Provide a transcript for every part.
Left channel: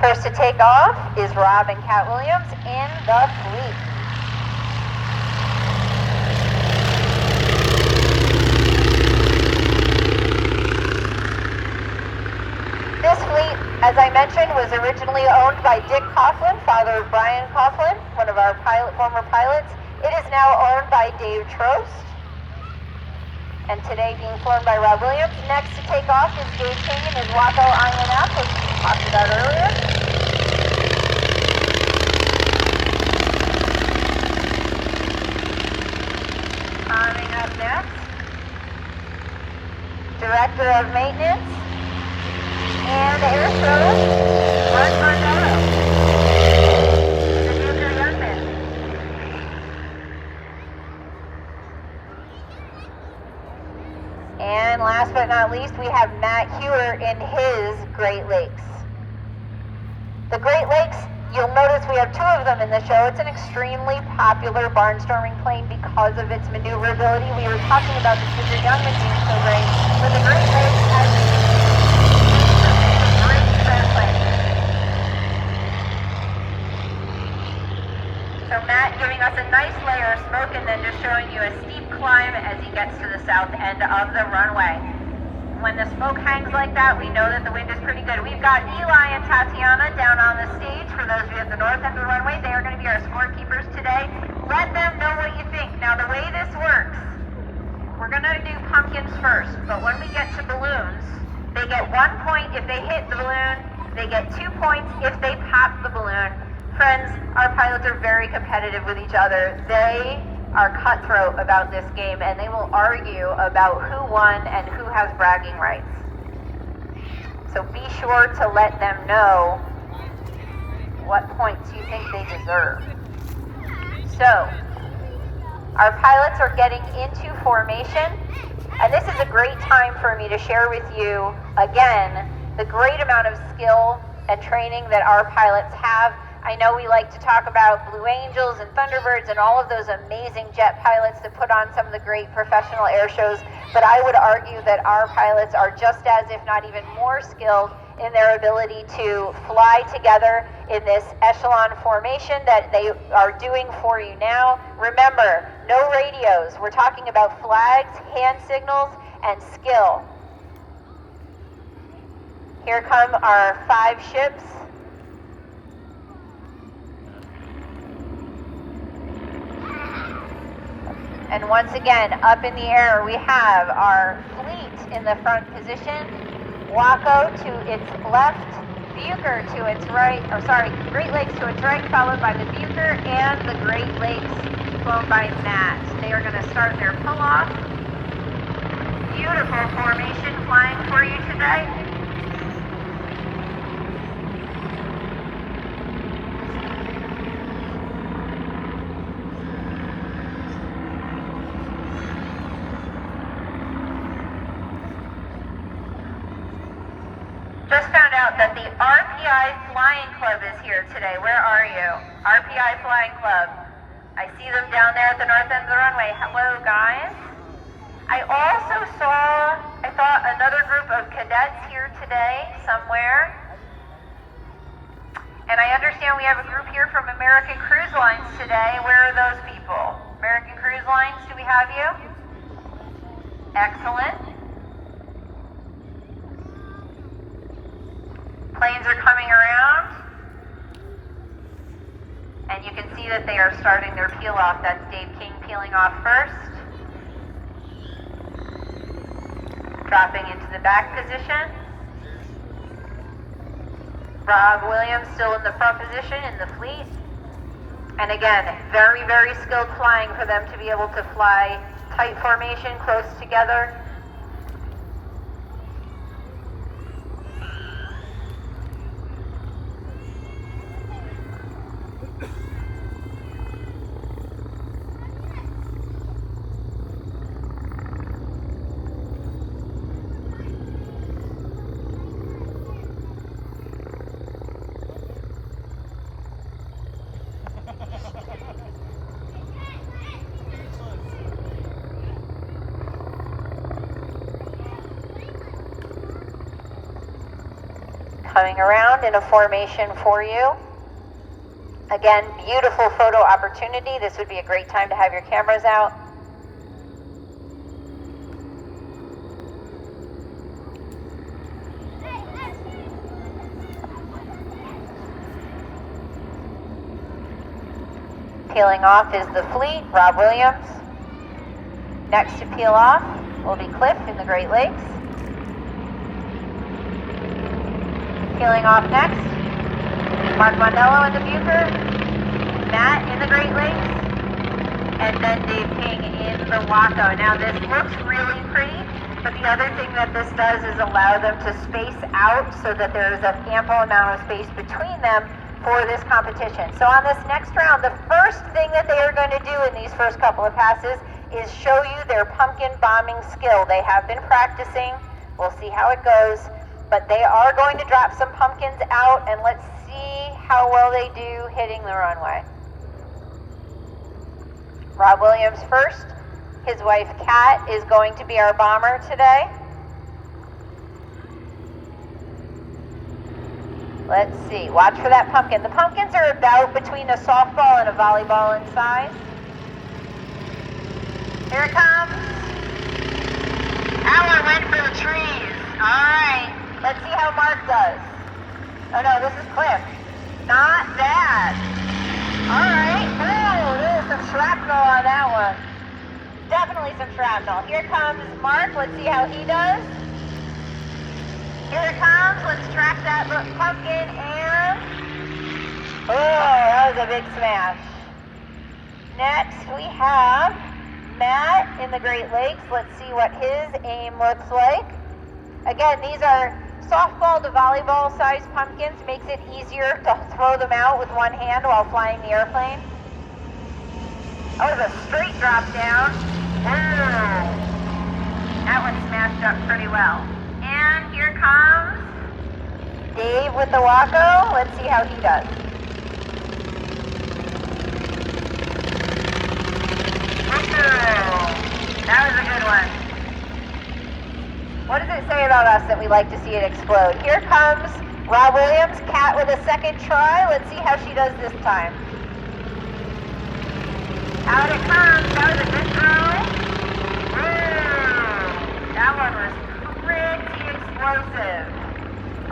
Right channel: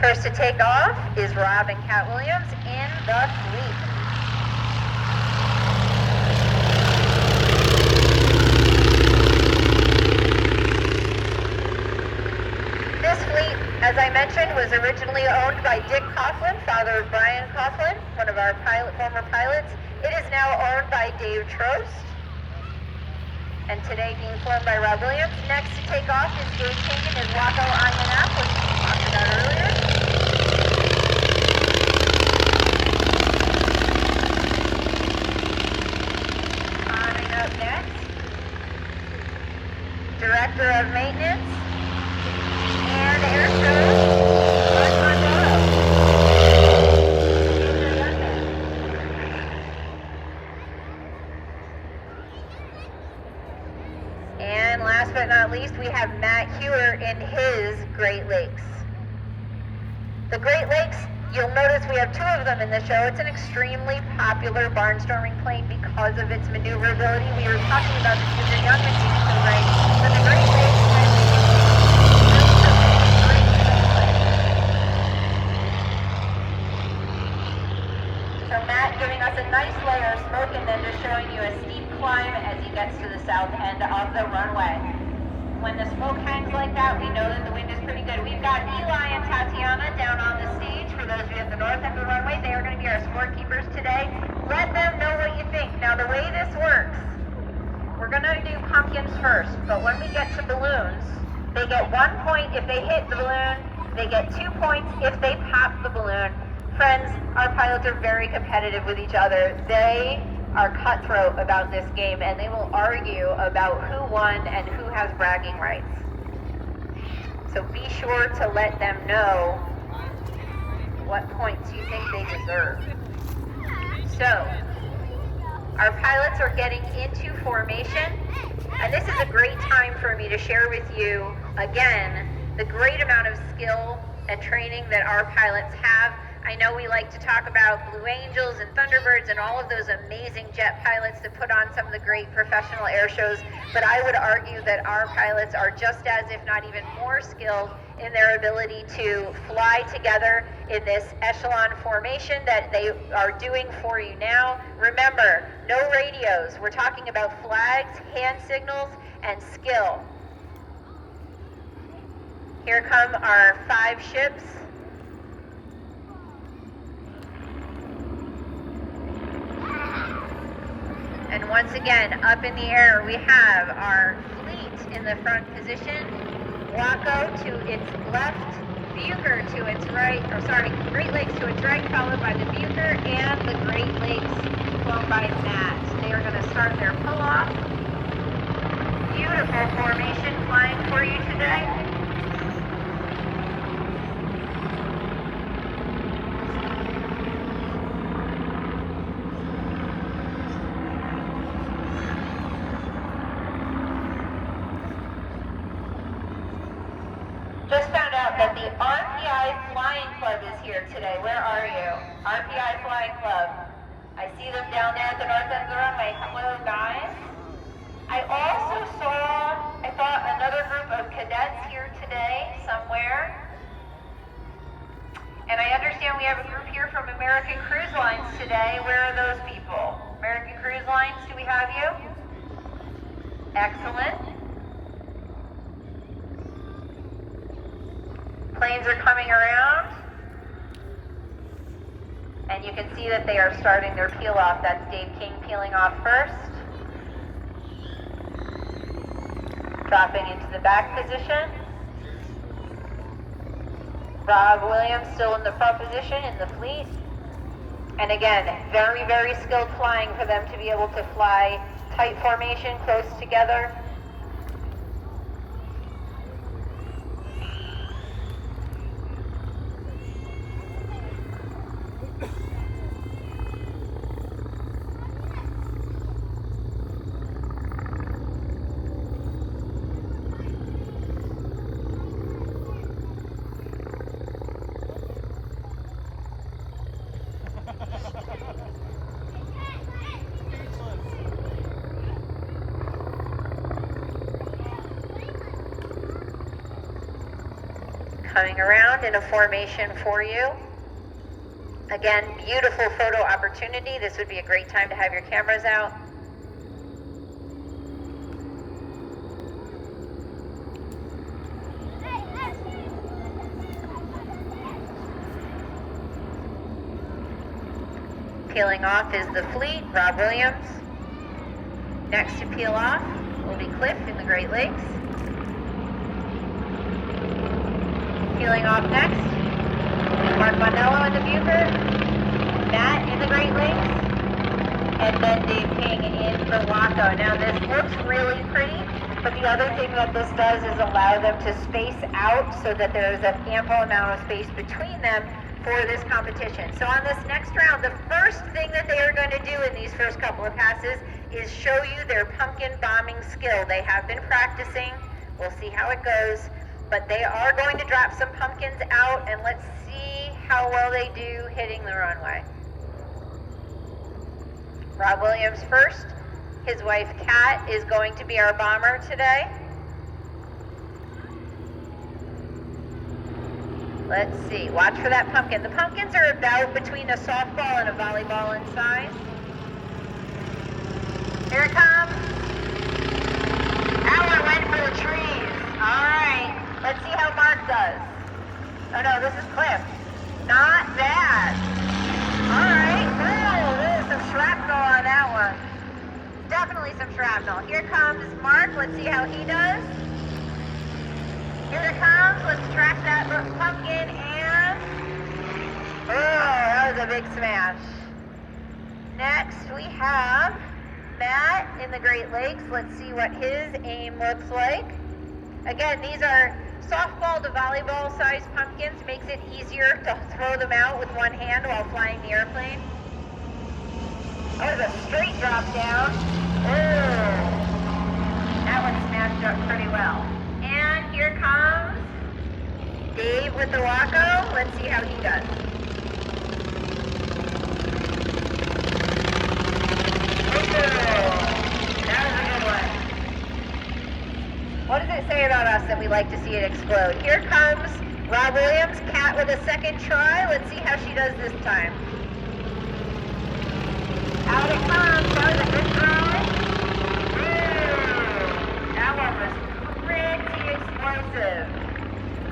First to take off is Rob and Kat Williams in the fleet. This fleet, as I mentioned, was originally owned by Dick Coughlin, father of Brian Coughlin, one of our former pilots. It is now owned by Dave Trost, and today being flown by Rob Williams. Next to take off is Dave King in his Waco INF, which we talked about earlier. Coming up next, Director of Maintenance and Aerodrome, and last but not least, we have Matt Hewer in his Great Lakes. The Great Lakes, you'll notice we have two of them in the show. It's an extremely popular barnstorming plane because of its maneuverability. We were talking about the Super Jungmann program, but the Great Lakes so Matt giving us a nice layer of smoke and then just showing you a steep climb as he gets to the south end of the runway. When the smoke hangs like that, we know that the wind is pretty good. We've got Eli and Tatiana down on the stage. For those of you at the north end of the runway, they are going to be our scorekeepers today. Let them know what you think. Now, the way this works, we're going to do pumpkins first, but when we get to balloons, they get 1 point if they hit the balloon. They get 2 points if they pass the balloon. Friends, our pilots are very competitive with each other. They are cutthroat about this game, and they will argue about who won and who has bragging rights. So be sure to let them know what points you think they deserve. So, our pilots are getting into formation, and this is a great time for me to share with you, again, the great amount of skill and training that our pilots have. I know we like to talk about Blue Angels and Thunderbirds and all of those amazing jet pilots that put on some of the great professional air shows, but I would argue that our pilots are just as, if not even more skilled in their ability to fly together in this echelon formation that they are doing for you now. Remember, no radios. We're talking about flags, hand signals, and skill. Here come our 5 ships. And once again, up in the air, we have our fleet in the front position, Waco to its left, Bücker to its right, Great Lakes to its right, followed by the Bücker and the Great Lakes flown by Matt. They are going to start their pull-off. Beautiful formation flying for you today. Just found out that the RPI Flying Club is here today. Where are you? RPI Flying Club. I see them down there at the north end of the runway. Hello, guys. I also saw, another group of cadets here today somewhere. And I understand we have a group here from American Cruise Lines today. Where are those people? American Cruise Lines, do we have you? Excellent. Planes are coming around, and you can see that they are starting their peel off. That's Dave King peeling off first. Dropping into the back position. Rob Williams still in the front position in the fleet. And again, very, very skilled flying for them to be able to fly tight formation, close together. coming around in a formation for you. Again, beautiful photo opportunity. This would be a great time to have your cameras out. Peeling off is the fleet, Rob Williams. Next to peel off will be Cliff in the Great Lakes. Peeling off next is Mark Mondello in the Bücker, Matt in the Great Lakes, and then Dave King in the Waco. Now this looks really pretty, but the other thing that this does is allow them to space out so that there is an ample amount of space between them for this competition. So on this next round, the first thing that they are going to do in these first couple of passes is show you their pumpkin bombing skill. They have been practicing. We'll see how it goes. But they are going to drop some pumpkins out, and let's see how well they do hitting the runway. Rob Williams first. His wife, Kat, is going to be our bomber today. Let's see. Watch for that pumpkin. The pumpkins are about between a softball and a volleyball in size. Here it comes. That one went for the trees. All right. Let's see how Mark does. Oh no, this is Cliff. Not bad. All right. Oh, there's some shrapnel on that one. Definitely some shrapnel. Here comes Mark. Let's see how he does. Here it comes. Let's track that pumpkin and... Oh, that was a big smash. Next we have Matt in the Great Lakes. Let's see what his aim looks like. Again, these are softball to volleyball sized pumpkins. Makes it easier to throw them out with one hand while flying the airplane. Oh, the straight drop down. Oh, that one smashed up pretty well. And here comes Dave with the Waco. Let's see how he does. That was a good one. What does it say about us that we like to see it explode? Here comes Rob Williams, Kat with a second try. Let's see how she does this time. Out it comes. That was a good throw. That one was pretty explosive.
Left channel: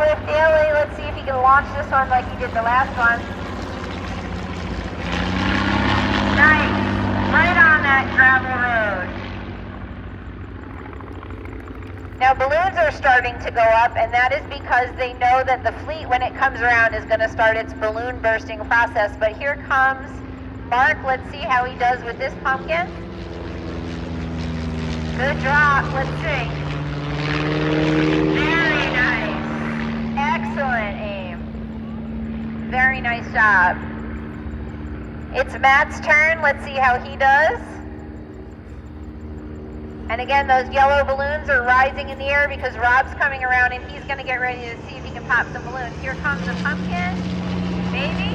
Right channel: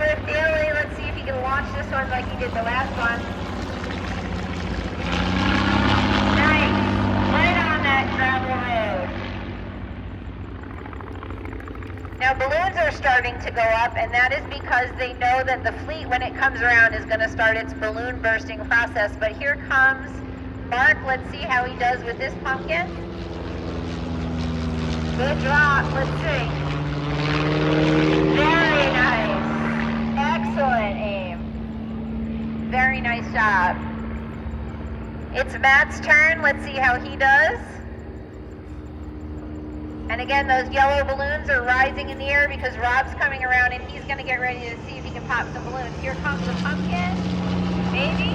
Cliff Daly, let's see if he can launch this one like he did the last one. Nice. Right on that gravel road. Now balloons are starting to go up, and that is because they know that the fleet, when it comes around, is going to start its balloon bursting process. But here comes Mark. Let's see how he does with this pumpkin. Good drop. Let's see. Very nice. Excellent aim. Very nice job. It's Matt's turn. Let's see how he does. And again, those yellow balloons are rising in the air because Rob's coming around and he's going to get ready to see if he can pop some balloons. Here comes the pumpkin. Maybe.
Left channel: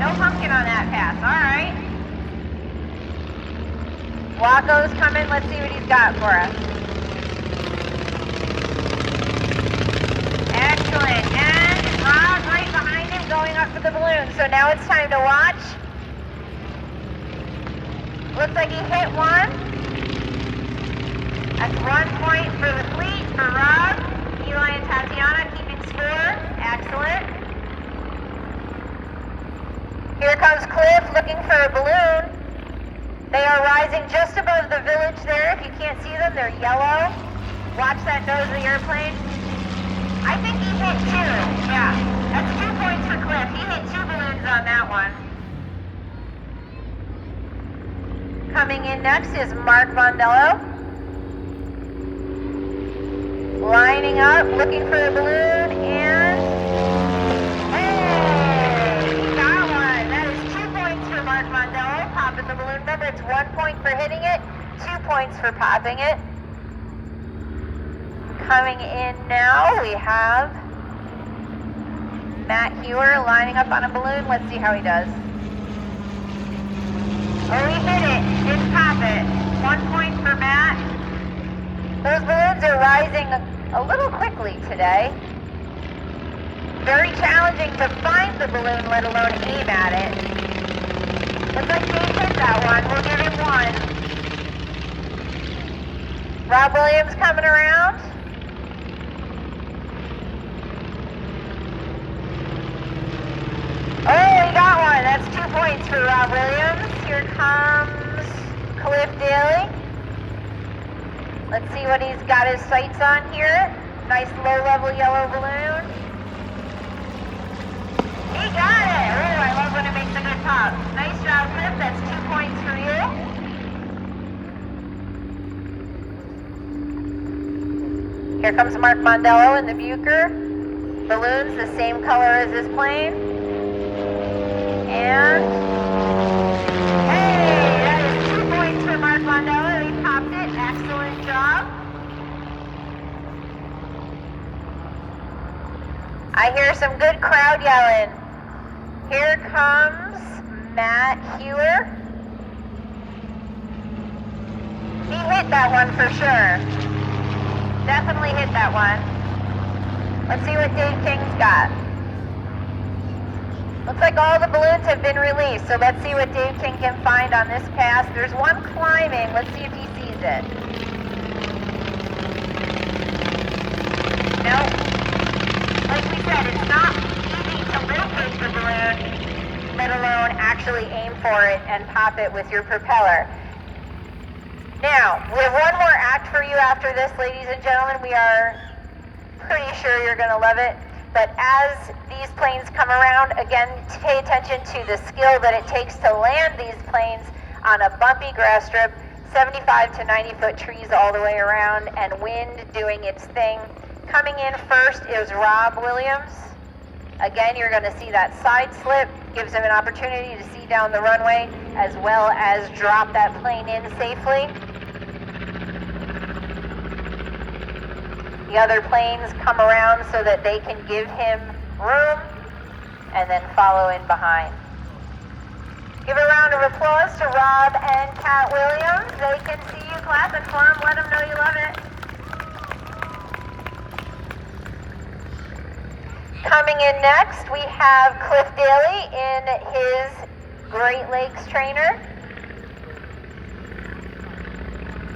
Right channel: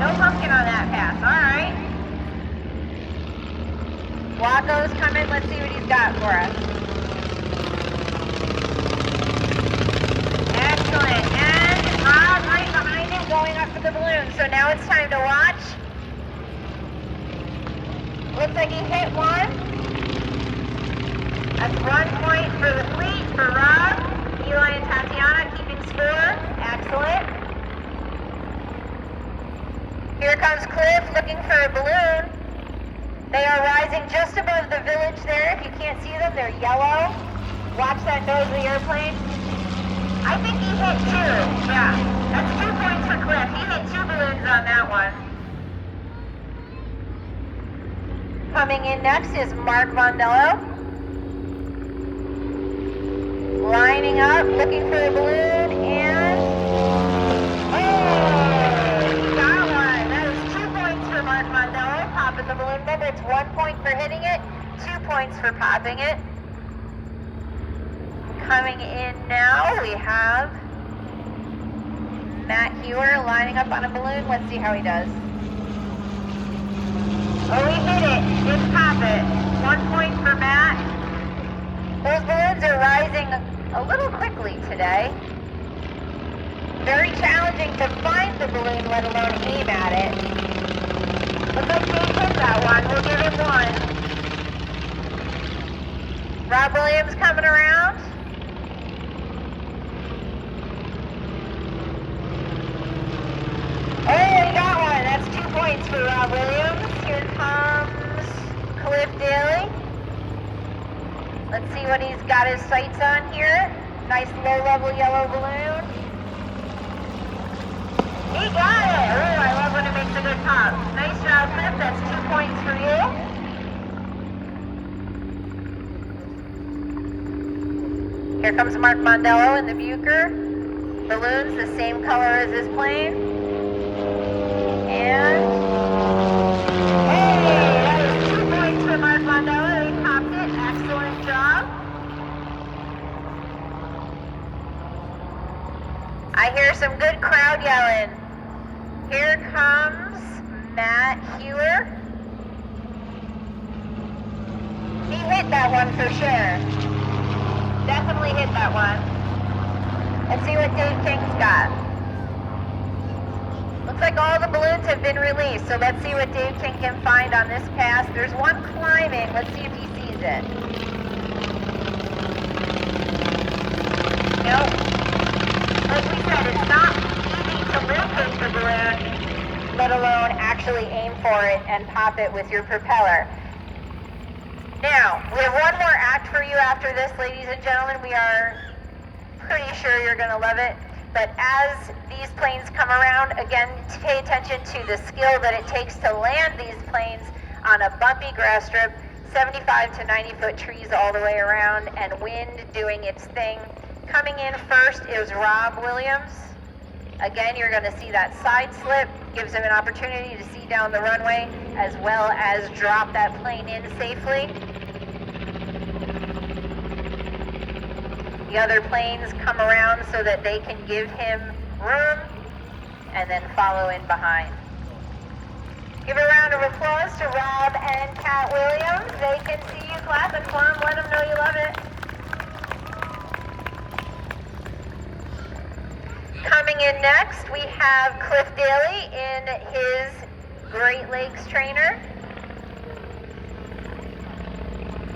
No pumpkin on that pass. All right. Waco's coming. Let's see what he's got for us. Excellent. And Rob right behind him going up for the balloon. So now it's time to watch. Looks like he hit one. That's 1 point for the fleet for Rob. Eli and Tatiana keeping score. Excellent. Here comes Cliff looking for a balloon. They are rising just above the village there. If you can't see them, they're yellow. Watch that nose of the airplane. I think he hit 2. Yeah, that's 2 points for Cliff. He hit 2 balloons on that one. Coming in next is Mark Mondello. Lining up, looking for a balloon, and... Hey! Got one! That is 2 points for Mark Mondello, popping the balloon. Remember, it's 1 point for hitting it, 2 points for popping it. Coming in now, we have Matt Hewer lining up on a balloon. Let's see how he does. Oh, he hit it. Didn't pop it. 1 point for Matt. Those balloons are rising a little quickly today. Very challenging to find the balloon, let alone aim at it. Looks like he hit that one. We'll give him one. Rob Williams coming around. Oh, we got one. That's 2 points for Rob Williams. Here comes Cliff Daly. Let's see what he's got his sights on here. Nice low-level yellow balloon. He got it! Ooh, I love when it makes a good pop. Nice job, Cliff. That's 2 points for you. Here comes Mark Mondello in the Bücker. Balloons the same color as this plane. And hey, that is 2 points for Mark Mondello. He popped it. Excellent job. I hear some good crowd yelling. Here comes Matt Hewer. He hit that one for sure. Definitely hit that one. Let's see what Dave King's got. Looks like all the balloons have been released, so let's see what Dave King can find on this pass. There's one climbing. Let's see if he sees it. Nope. Like we said, it's not easy to locate the balloon, let alone actually aim for it and pop it with your propeller. Now, we have one more act for you after this, ladies and gentlemen. We are pretty sure you're going to love it. But as these planes come around, again, pay attention to the skill that it takes to land these planes on a bumpy grass strip, 75 to 90 foot trees all the way around, and wind doing its thing. Coming in first is Rob Williams. Again, you're going to see that side slip, gives him an opportunity to see down the runway, as well as drop that plane in safely. The other planes come around so that they can give him room and then follow in behind. Give a round of applause to Rob and Kat Williams. They can see you clapping for them. Let them know you love it. Coming in next, we have Cliff Daly in his Great Lakes trainer.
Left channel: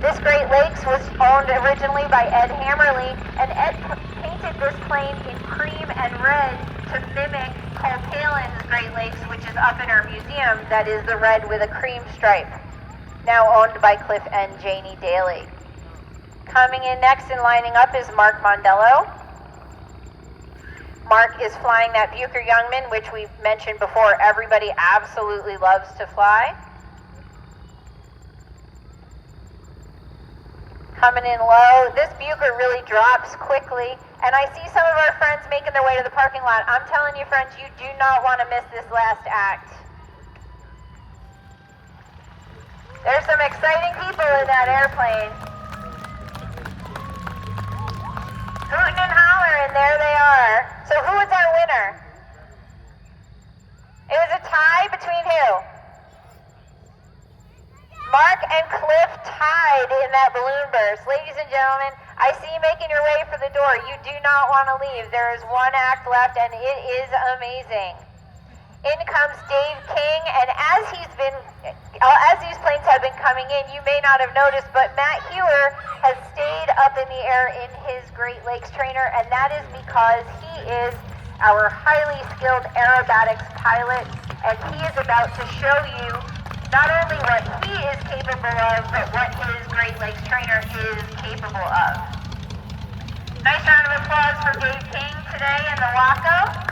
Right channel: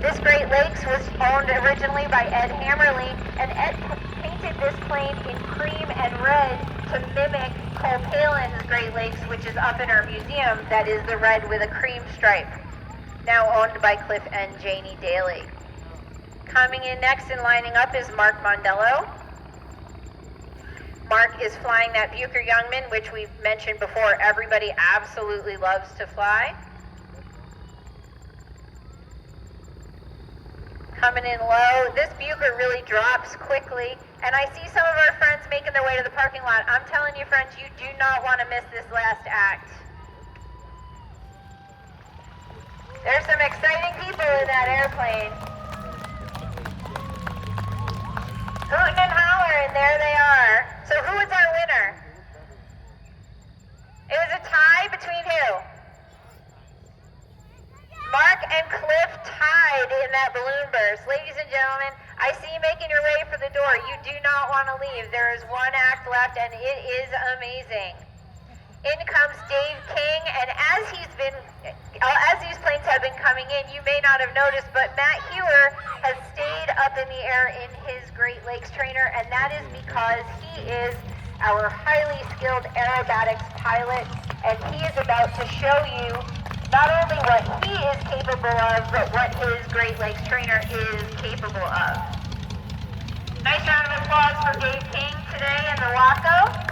This Great Lakes was owned originally by Ed Hammerly, and Ed painted this plane in cream and red to mimic Palen's Great Lakes, which is up in our museum, that is the red with a cream stripe, now owned by Cliff and Janie Daly. Coming in next and lining up is Mark Mondello. Mark is flying that Bücker Jungmann, which we've mentioned before, everybody absolutely loves to fly. Coming in low. This Bücker really drops quickly, and I see some of our friends making their way to the parking lot. I'm telling you, friends, you do not want to miss this last act. There's some exciting people in that airplane. Hooting and hollering, there they are. So who was our winner? It was a tie between who? Mark and Cliff tied in that balloon burst. Ladies and gentlemen, I see you making your way for the door. You do not want to leave. There is one act left, and it is amazing. In comes Dave King, and as these planes have been coming in, you may not have noticed, but Matt Hewer has stayed up in the air in his Great Lakes trainer, and that is because he is our highly skilled aerobatics pilot, and he is about to show you not only what he is capable of, but what his Great Lakes trainer is capable of. Nice round of applause for Dave King today in the Waco.